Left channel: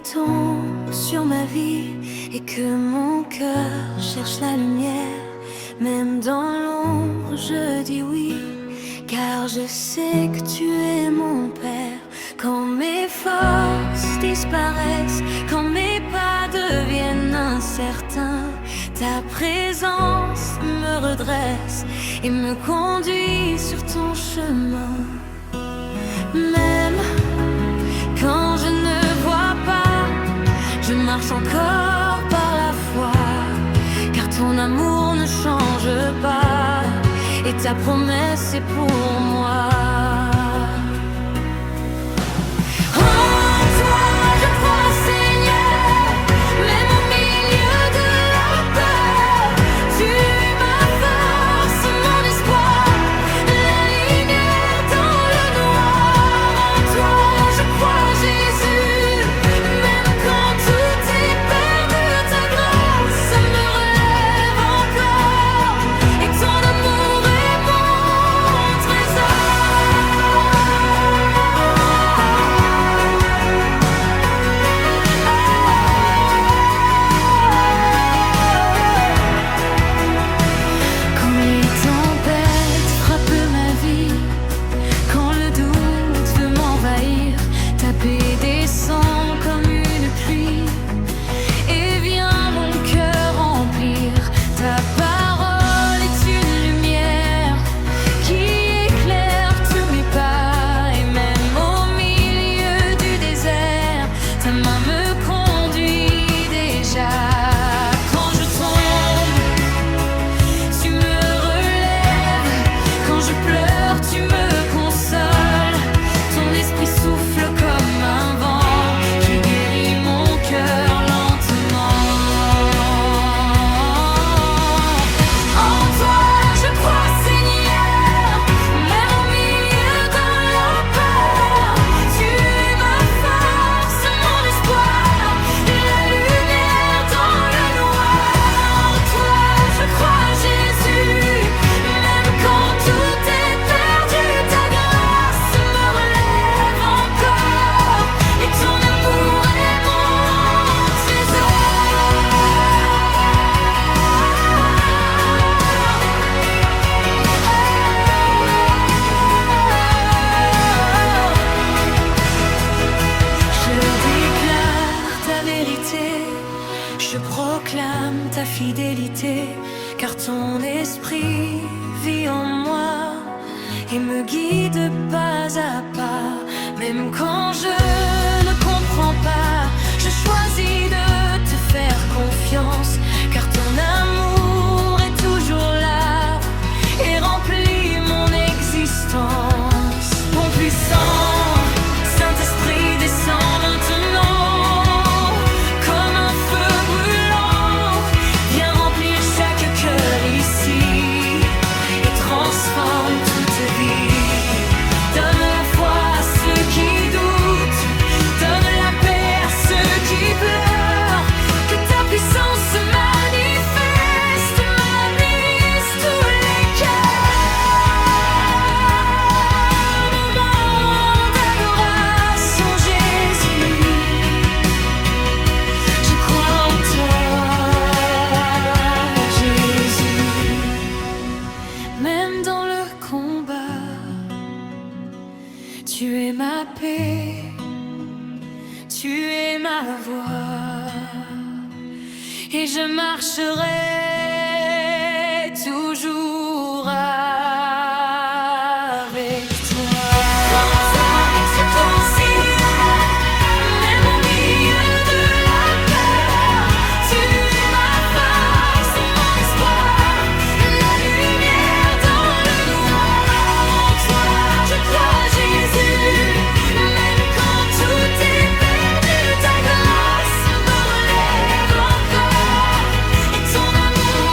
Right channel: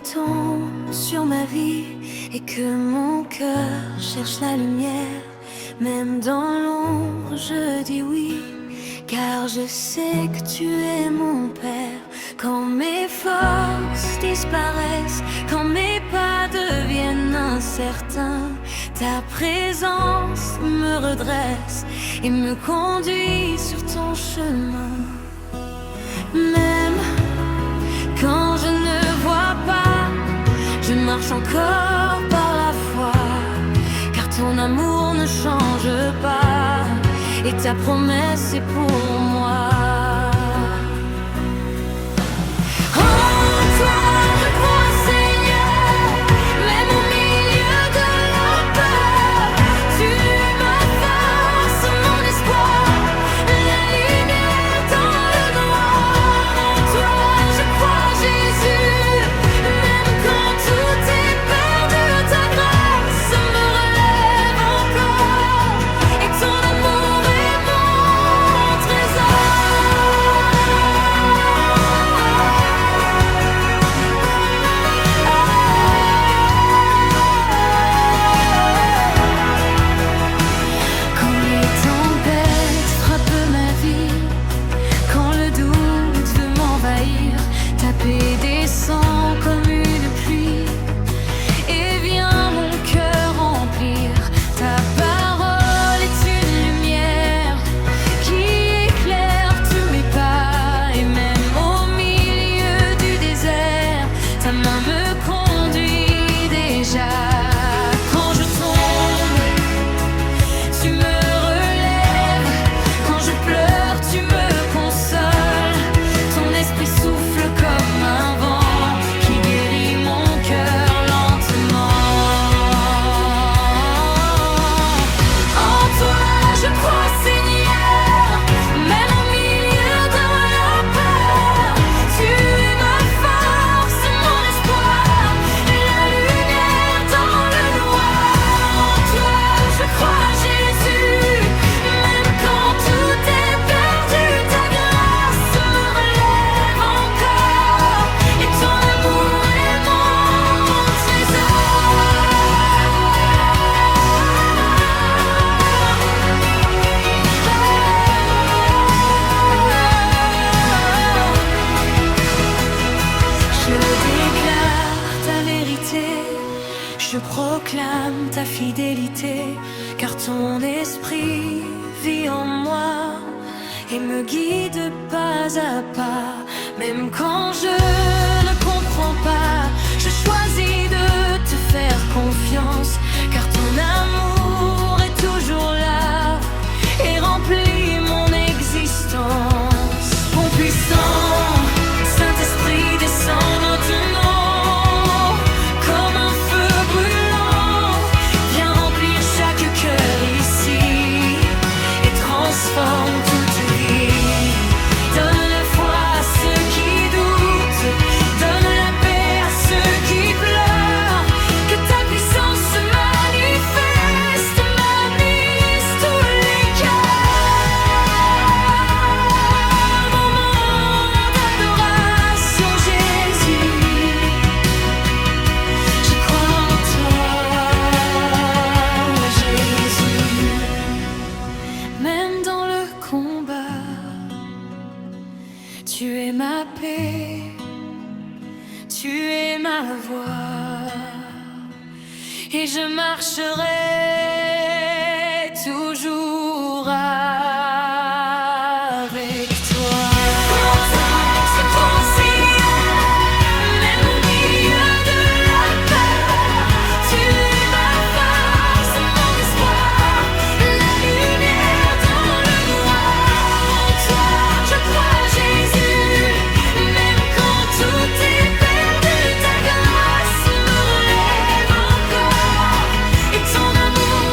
nuit tombe sur ma vie et que mon cœur cherche la lumière, même dans l'ombre je dis oui, car je sais que tu es mon Père. Quand mes forces disparaissent, quand mes pas deviennent incertains, ta présence me redresse et me conduit sur ton chemin. Même quand je ne vois pas, je marche encore par la foi, car ton amour ne change pas et ta promesse est pour moi. Ta paix descend comme une pluie et vient mon cœur remplir. Ta parole est une lumière qui éclaire tous mes pas, et même au milieu du désert, ta main me conduit déjà. Quand je tombe, tu me relèves. Quand je pleure, tu me consoles. Ton esprit souffle comme un vent qui guérit mon cœur lentement. En toi je crois, Seigneur, même au milieu de la peur. Tu es ma force, mon espoir, la lumière dans le noir. En toi je crois, Jésus, même quand tout est perdu, ta grâce me relève encore et ton amour est mon trésor. Je déclare ta vérité, je proclame ta fidélité, car ton esprit vit en moi et me guide pas à pas. Même quand je ne comprends pas, je choisis de te faire confiance, car ton amour est toujours là et remplit mon existence. Mon puissant Saint-Esprit descend maintenant comme un feu brûlant. Viens remplir chaque cœur ici et transforme toute vie. Donne la foi à ceux qui doutent, donne la paix à ceux qui pleurent. Que ta puissance se manifeste, manise tous les cœurs. Moment d'adoration, Jésus, je crois en toi, Jésus. Même dans le combat, tu es ma paix, tu es ma voix, et je marcherai toujours avec toi. Je pense, Seigneur, même au milieu de la peur, tu es ma force, mon espoir, la lumière dans le noir. En toi je crois, Jésus, même quand tout est perdu, ta grâce me relève encore et ton amour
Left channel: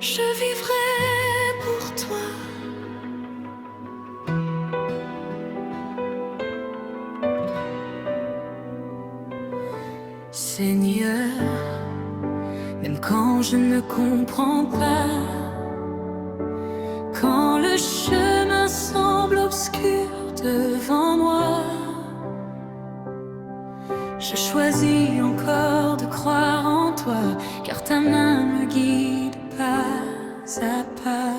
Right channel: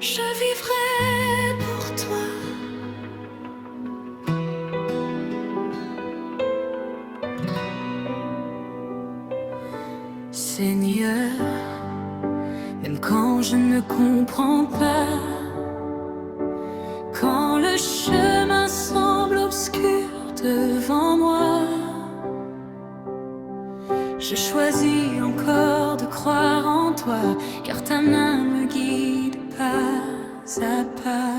je vivrai pour toi. Seigneur, même quand je ne comprends pas, quand le chemin semble obscur devant moi, je choisis encore de croire en toi, car ta main me guide pas à pas.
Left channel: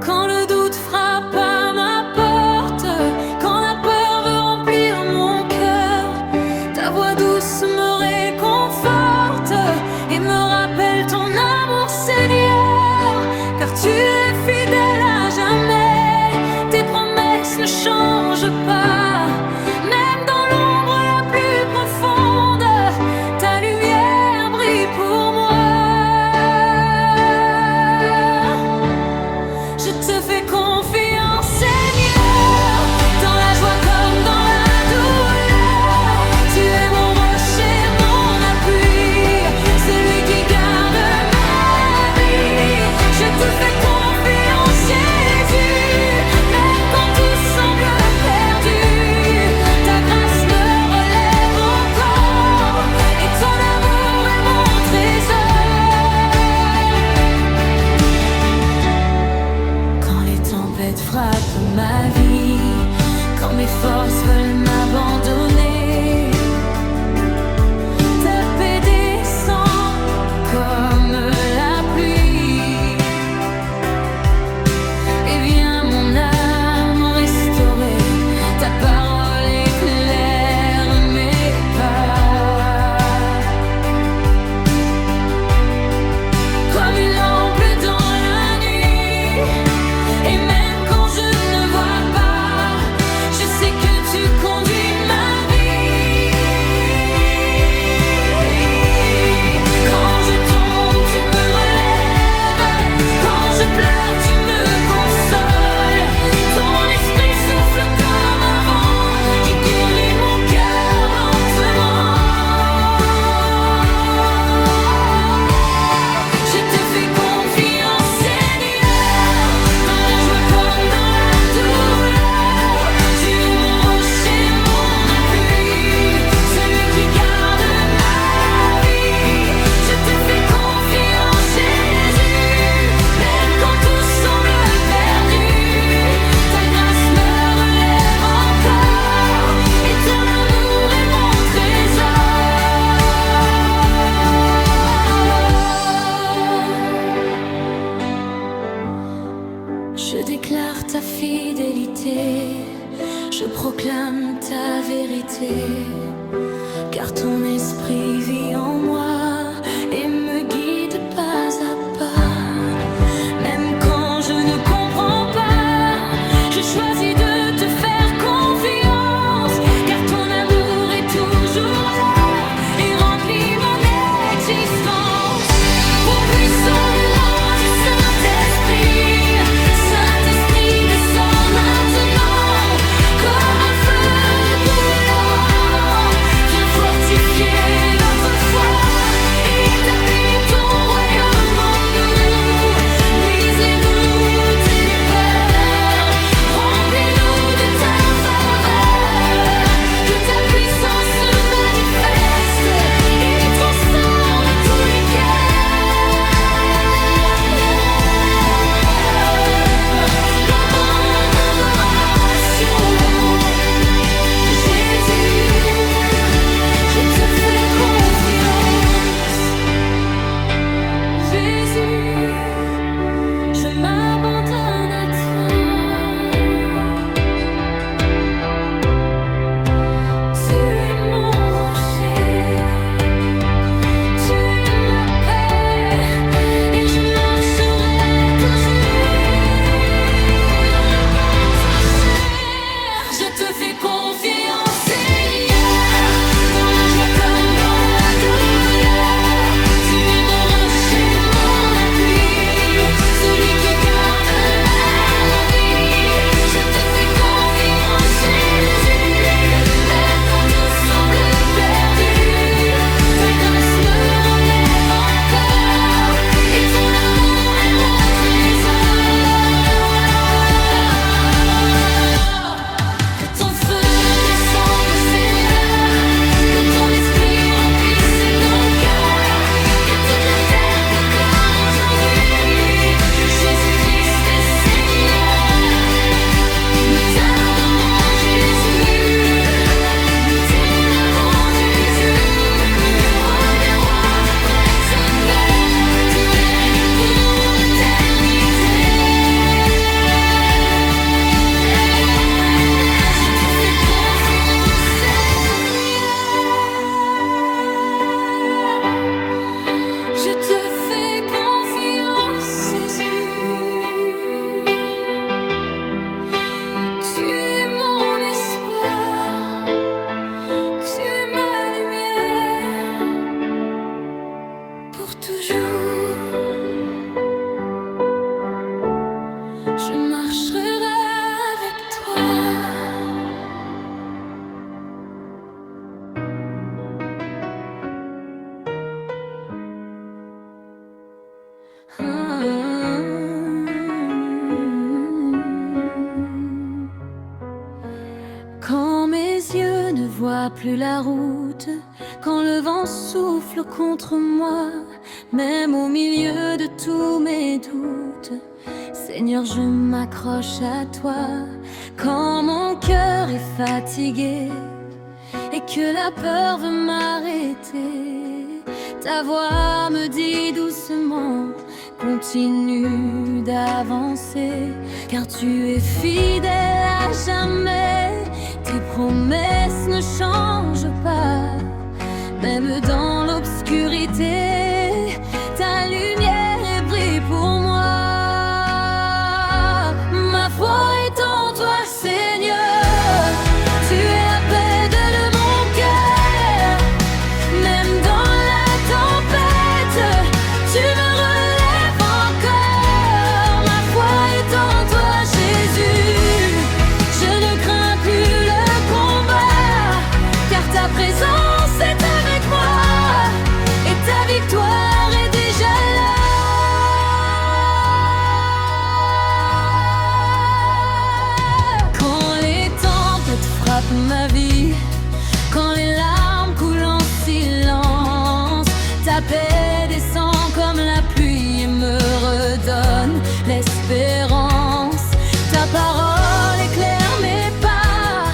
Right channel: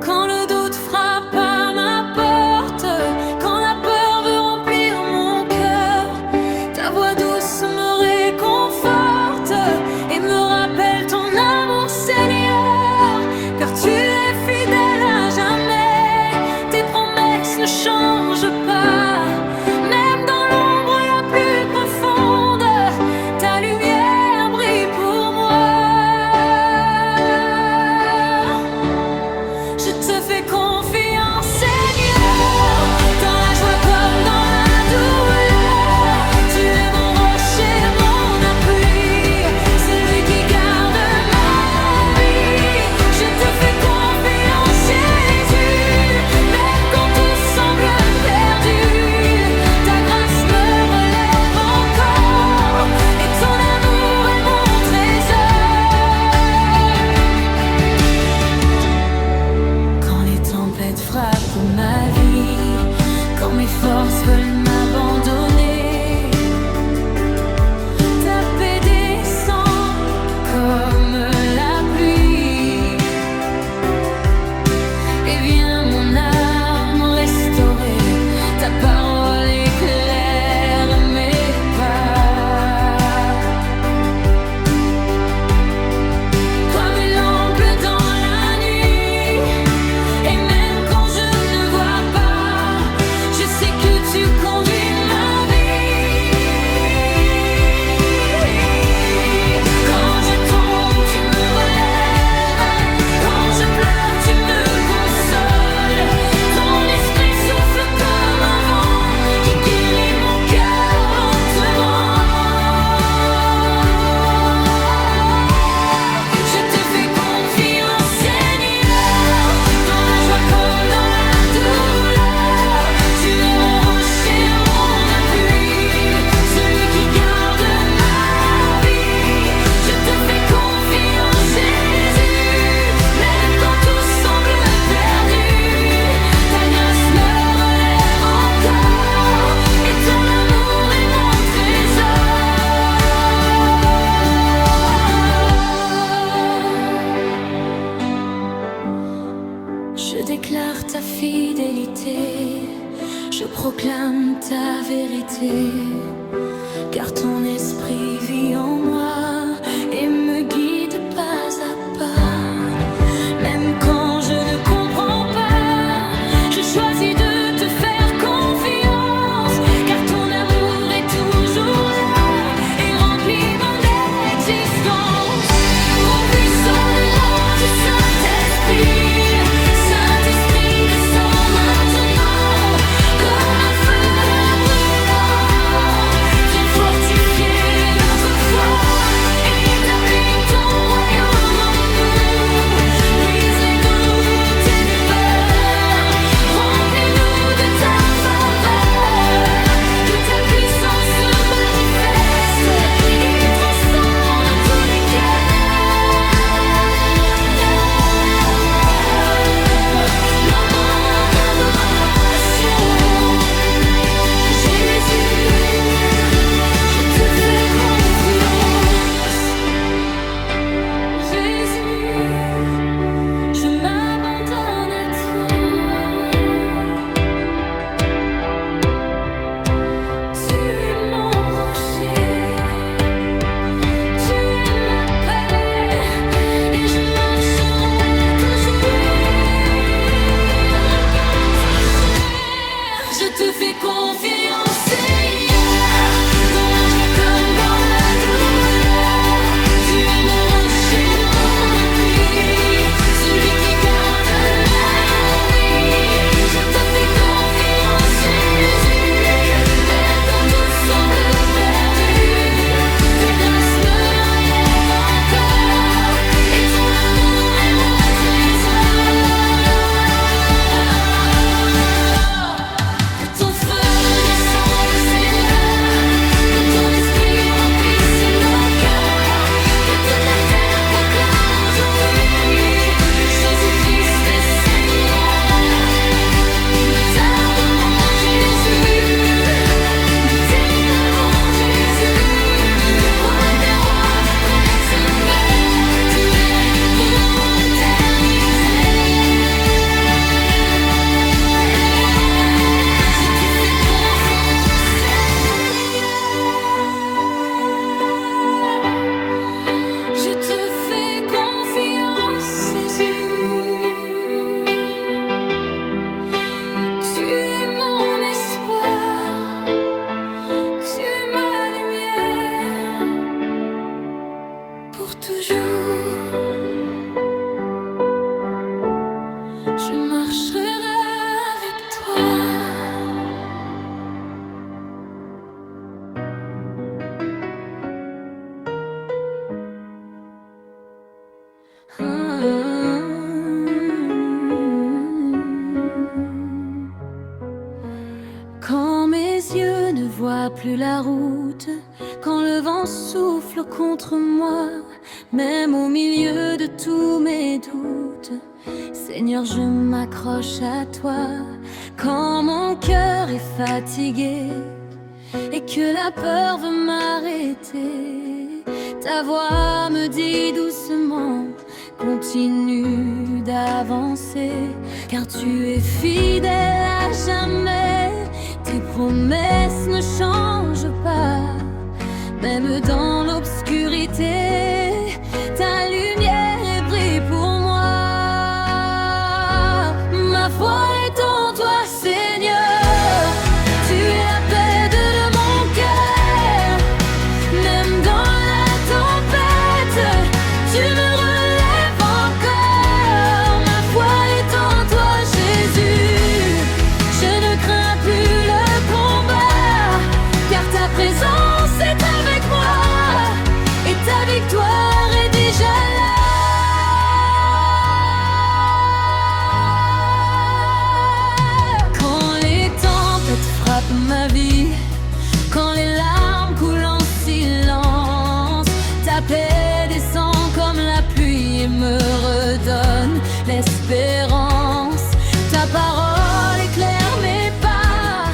Quand le doute frappe à ma porte, quand la peur veut remplir mon cœur, ta voix douce me réconforte et me rappelle ton amour, Seigneur, car tu es fidèle à jamais, tes promesses ne changent pas, même dans l'ombre la plus profonde, ta lumière brille pour moi. Je te fais confiance, Seigneur, dans la joie comme dans la douleur. Tu es mon rocher, mon appui, celui qui garde ma vie. Je te fais confiance, Jésus, même quand tout semble perdu. Ta grâce me relève encore, et ton amour est mon trésor. Quand les tempêtes frappent ma vie, quand mes forces veulent m'abandonner, ta paix descend comme la pluie et vient mon âme restaurer. Ta parole éclaire mes pas comme une lampe dans la nuit. Et même quand je ne vois pas, je sais que tu conduis ma vie. Quand je tombe, tu me relèves. Quand je pleure, tu me consoles. Ton esprit souffle comme un vent qui guérit mon cœur lentement. Je te fais confiance, Seigneur, dans la joie comme dans la douleur. Tu es mon rocher, mon appui, celui qui garde ma vie. Je te fais confiance, Jésus, même quand tout semble perdu. Ta grâce me relève encore, et ton amour est mon trésor. Je déclare ta fidélité, je proclame ta vérité, car ton esprit vit en moi et me guide pas à pas. Même quand je ne comprends pas, je choisis de te faire confiance, car ton amour est toujours là et remplit mon existence. Au puissant le nom du Saint-Esprit, Saint-Esprit descend maintenant comme un feu brûlant. Viens fortifier notre foi, établis ton royaume en nous. Brise les doutes et les peurs, remplis-nous Je te fais confiance, Jésus. Tu es mon espoir, tu es ma lumière pour toujours. Je marcherai avec toi. Quand mes yeux ne voient plus la route, quand le vent souffle contre moi, même au milieu de tous mes doutes, Seigneur, je m'accroche à toi. Quand mon cœur est fatigué et que la peur veut m'arrêter, ta voix me dit doucement: continue d'avancer, car tu es fidèle à jamais. Tes promesses ne changent pas, même dans l'obscurité, ta lumière brille pour moi. Ma foi est en toi, Seigneur. Tu es la paix de mon cœur. Même dans la tempête, tu me relèves encore. Ma foi est en toi, Jésus. Je ne crains plus le combat, car ta présence est avec moi et ta victoire est déjà là. Quand les tempêtes frappent ma vie, quand les larmes coulent en silence, ta paix descend comme la pluie et me redonne l'espérance. Ta parole éclaire mes pas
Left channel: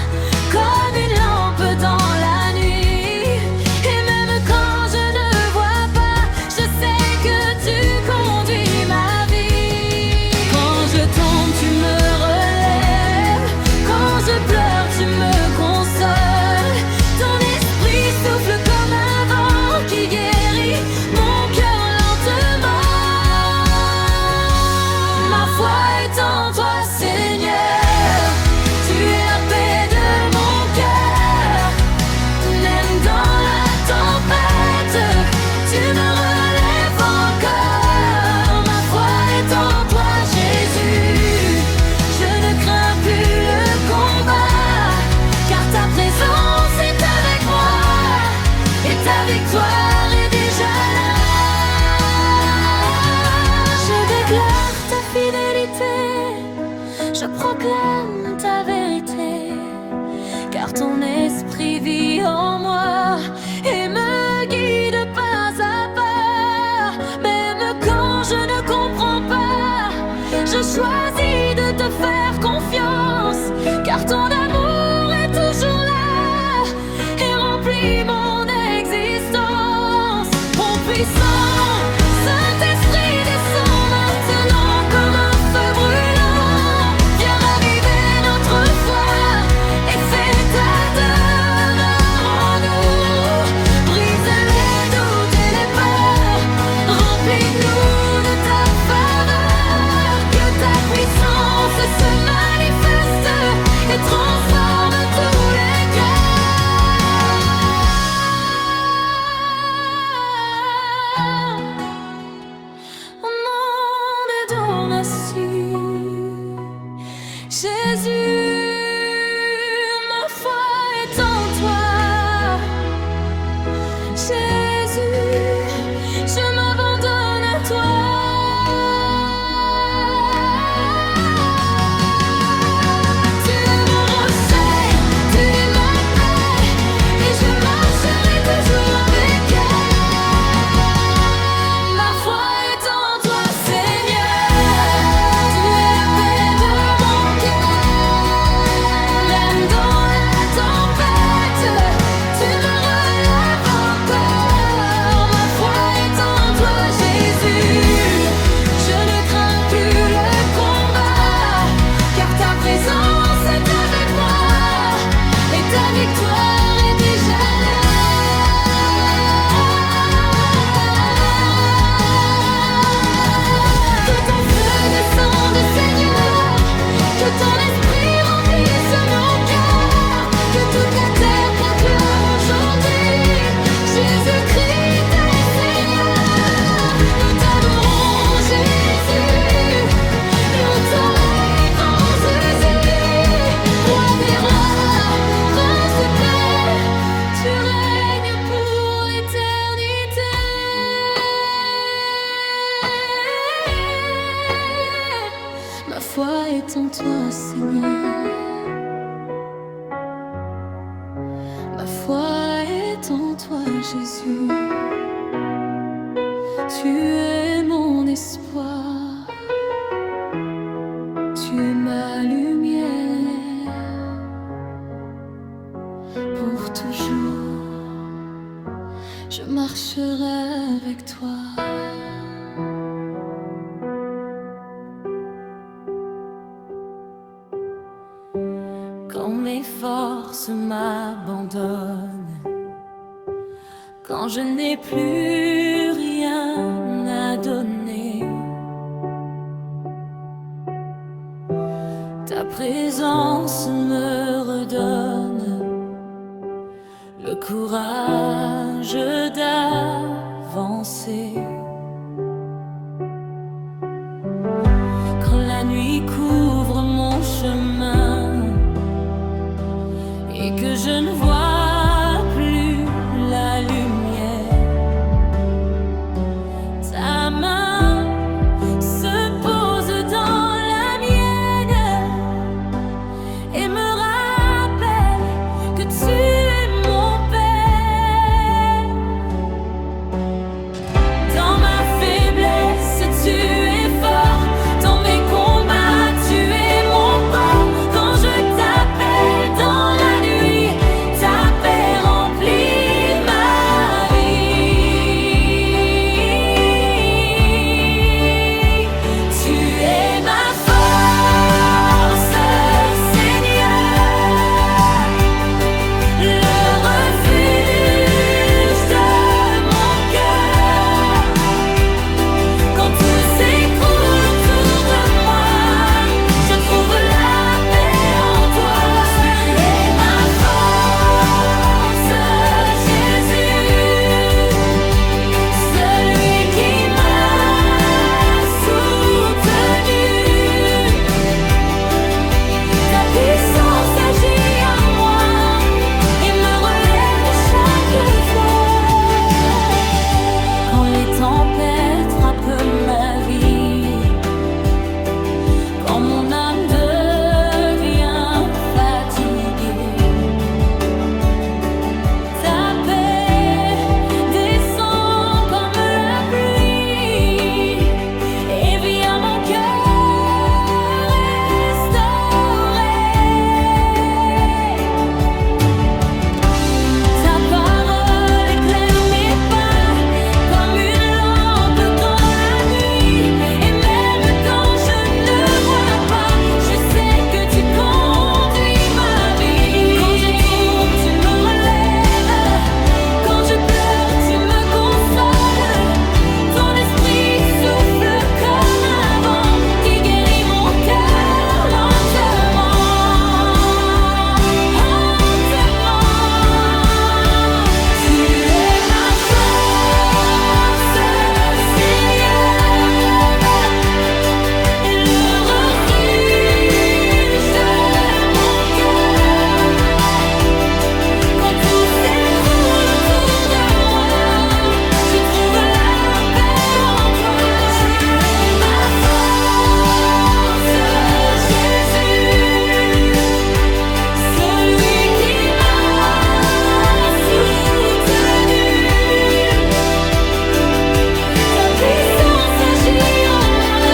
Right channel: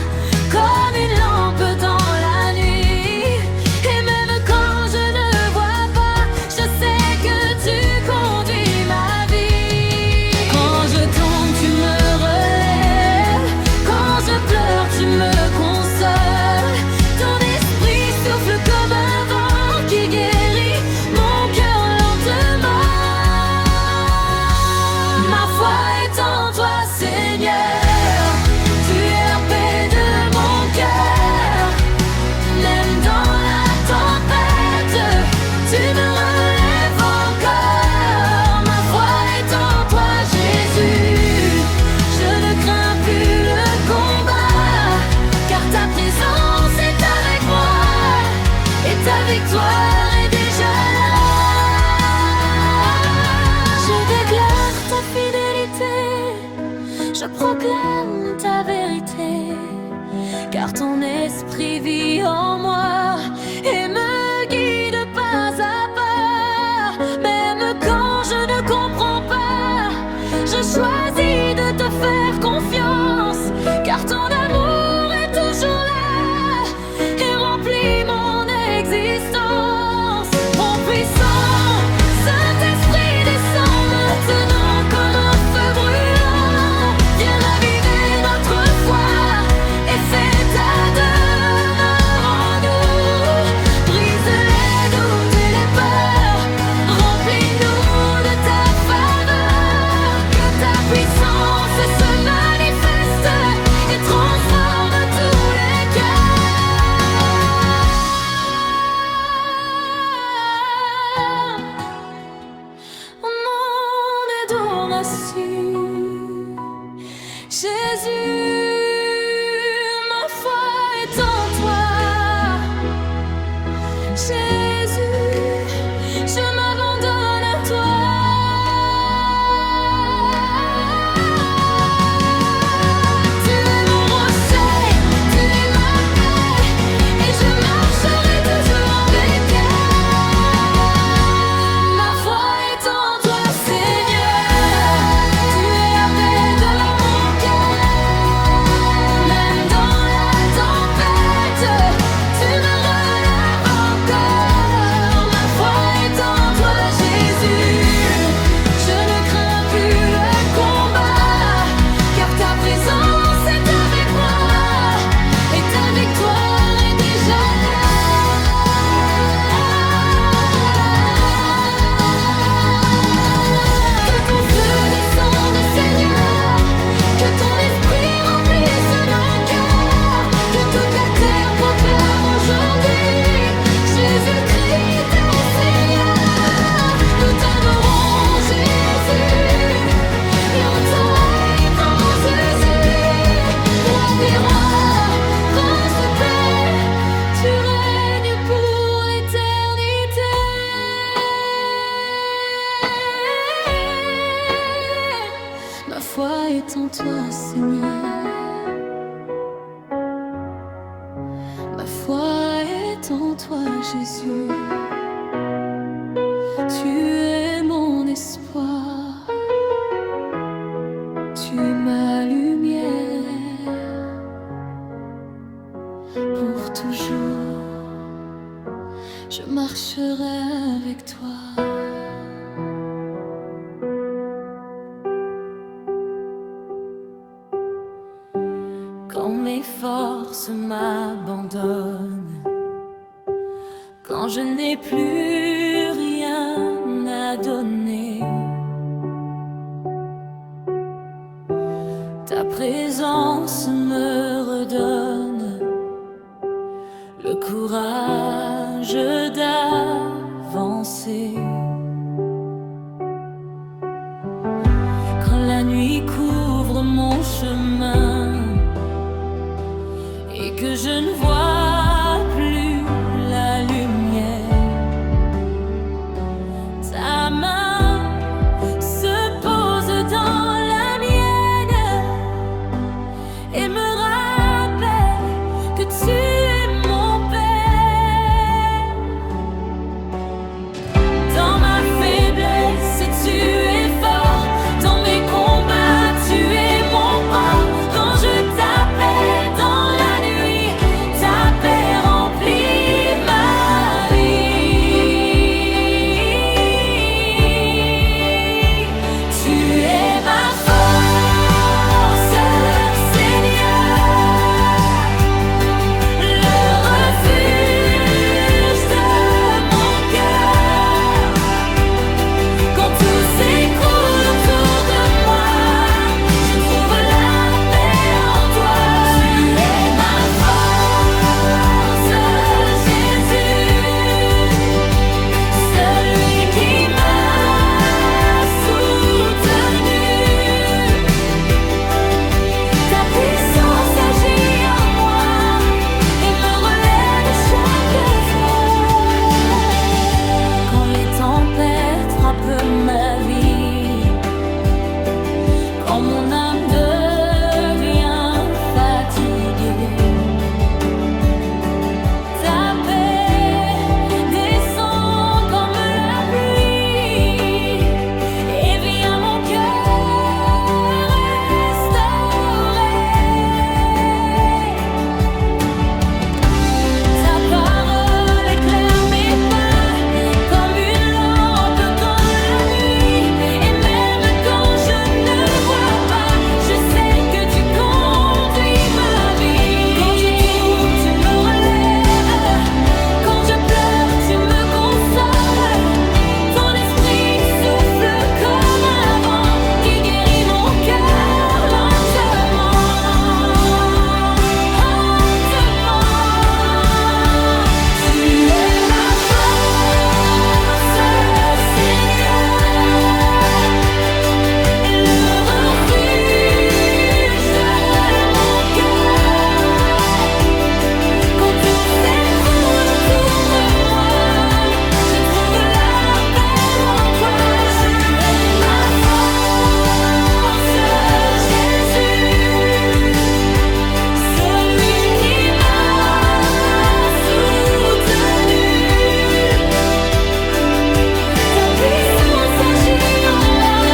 comme une lampe dans la nuit. Et même quand je ne vois pas, je sais que tu conduis ma vie. Quand je tombe, tu me relèves. Quand je pleure, tu me consoles. Ton esprit souffle comme un vent qui guérit mon cœur lentement. Ma foi est en toi, Seigneur. Tu es la paix de mon cœur. Même dans la tempête, tu me relèves encore. Ma foi est en toi, Jésus. Je ne crains plus le combat, car ta présence est avec moi et ta victoire est déjà là. Je déclare ta fidélité, je proclame ta vérité, car ton esprit vit en moi et me guide pas à pas. Même quand je ne comprends pas, je choisis de te faire confiance, car ton amour est toujours là et remplit mon existence. Mon puissant Saint-Esprit descend maintenant comme un feu brûlant. Viens raviver notre foi et fais ta demeure en nous. Brise les doutes et les peurs, remplis-nous de ta faveur. Que ta puissance se manifeste et transforme tous les cœurs. Mon adoration, Jésus, ma foi est en toi. Jésus, je m'abandonne à toi. Tu es mon rocher, tu es ma paix, et je marcherai toujours avec elle. Ma foi est en toi, Seigneur. Tu es la paix de mon cœur. Même dans la tempête, tu me relèves encore. foi est en toi, Seigneur. Ma foi est en toi, Jésus. Tu es mon espoir. Tu es ma lumière. Pour toujours, je marcherai avec toi. Quand mes forces m'abandonnent, quand je n'ai plus rien à donner, ta présence me redonne le courage d'avancer. Quand la nuit couvre mon chemin et que je ne vois plus la lumière, ta main se pose dans la mienne et me rappelle que tu es mon Père. Dans ma faiblesse, tu es fort. Dans mes combats, tu es mon port. Quand je t'appelle dans la nuit, ta paix remplit ma vie. Tu es ma force, Seigneur, le refuge de mon cœur. Quand tout s'écroule autour de moi, je trouve la paix en toi. Tu es ma force, Jésus, celui qui m'a soutenu. Ta puissance agit en moi et me relève chaque fois. Quand les tempêtes frappent ma vie, quand mon âme devient fatiguée, ta paix descend comme la pluie et vient mon cœur restaurer. Ta parole éclaire mes pas comme une lampe dans la nuit. Et même quand je ne vois pas, je sais que tu conduis ma vie. Quand je tombe, tu me relèves. Quand je pleure, tu me consoles. Ton esprit souffle comme un vent qui guérit mon cœur lentement, lentement. Tu es ma force, Seigneur, et le refuge de mon cœur. Quand tout s'écroule autour de moi, je trouve la paix en toi. Tu es ma force, Jésus, celui qui m'a soutenu. Ta puissance agit en moi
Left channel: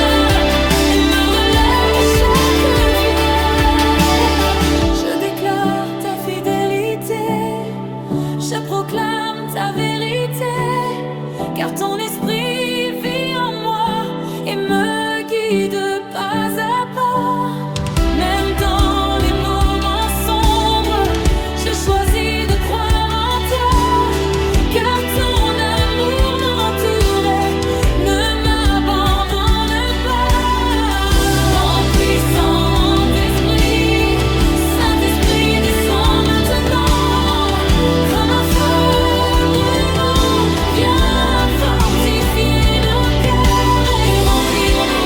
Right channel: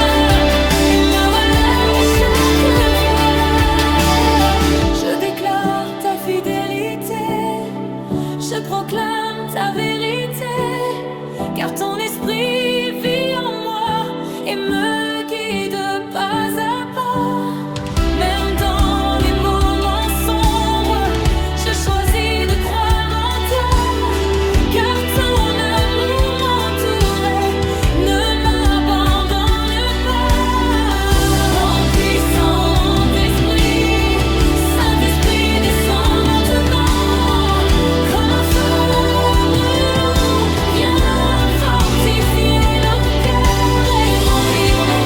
et me relève chaque fois. Je déclare ta fidélité, je proclame ta vérité, car ton esprit vit en moi et me guide pas à pas. Même dans les moments sombres, je choisis de croire en toi, car ton amour m'entoure et ne m'abandonne pas. Mon puissant esprit, Saint-Esprit, descend maintenant comme un feu brûlant. Viens fortifier nos cœurs et remplir nos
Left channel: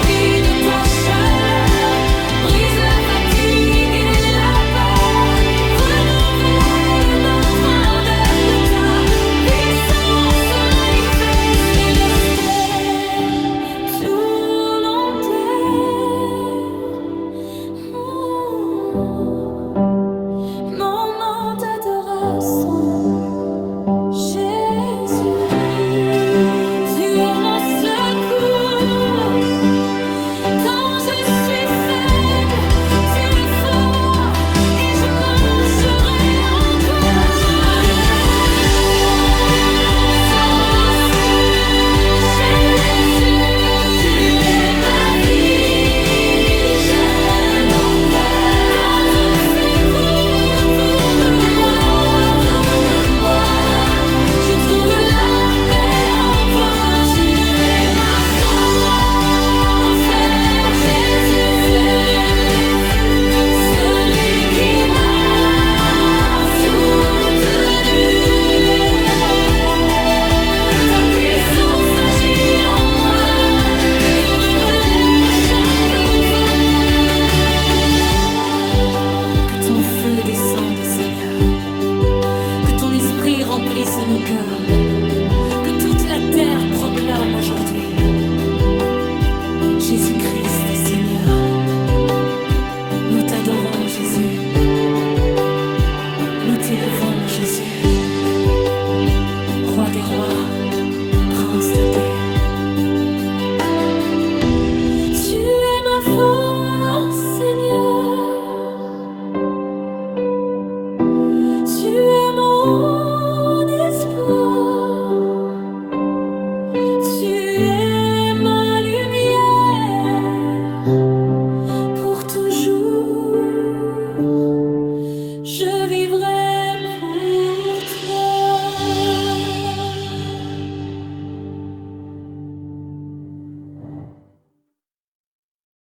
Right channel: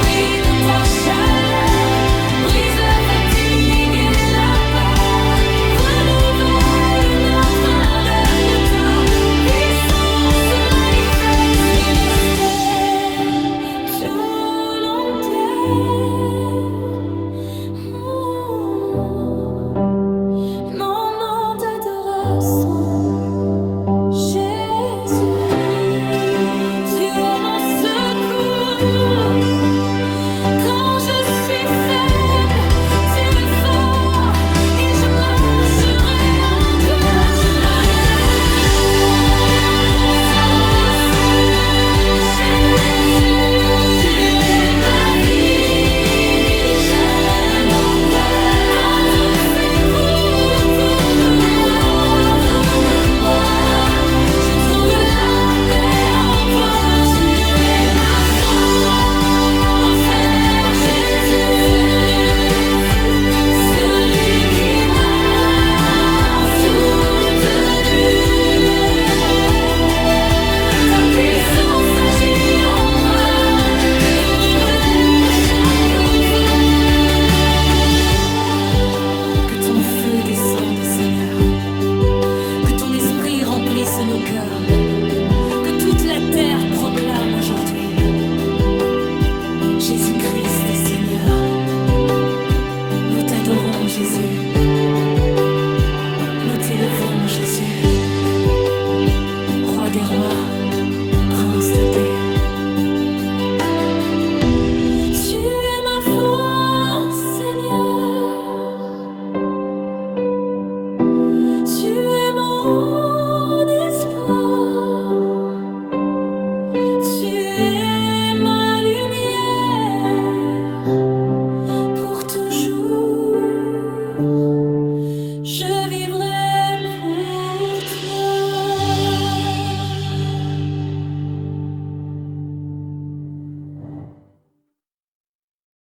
descende, Seigneur. Que ton esprit remplisse nos cœurs. Que toute la terre proclame aujourd'hui Jésus-Christ est Seigneur. Nous t'adorons, Jésus. Nous t'élevons, Jésus. Roi des rois, prince de paix. Tu es ma force, Seigneur. Tu es mon espoir. Tu es ma lumière pour toujours. Je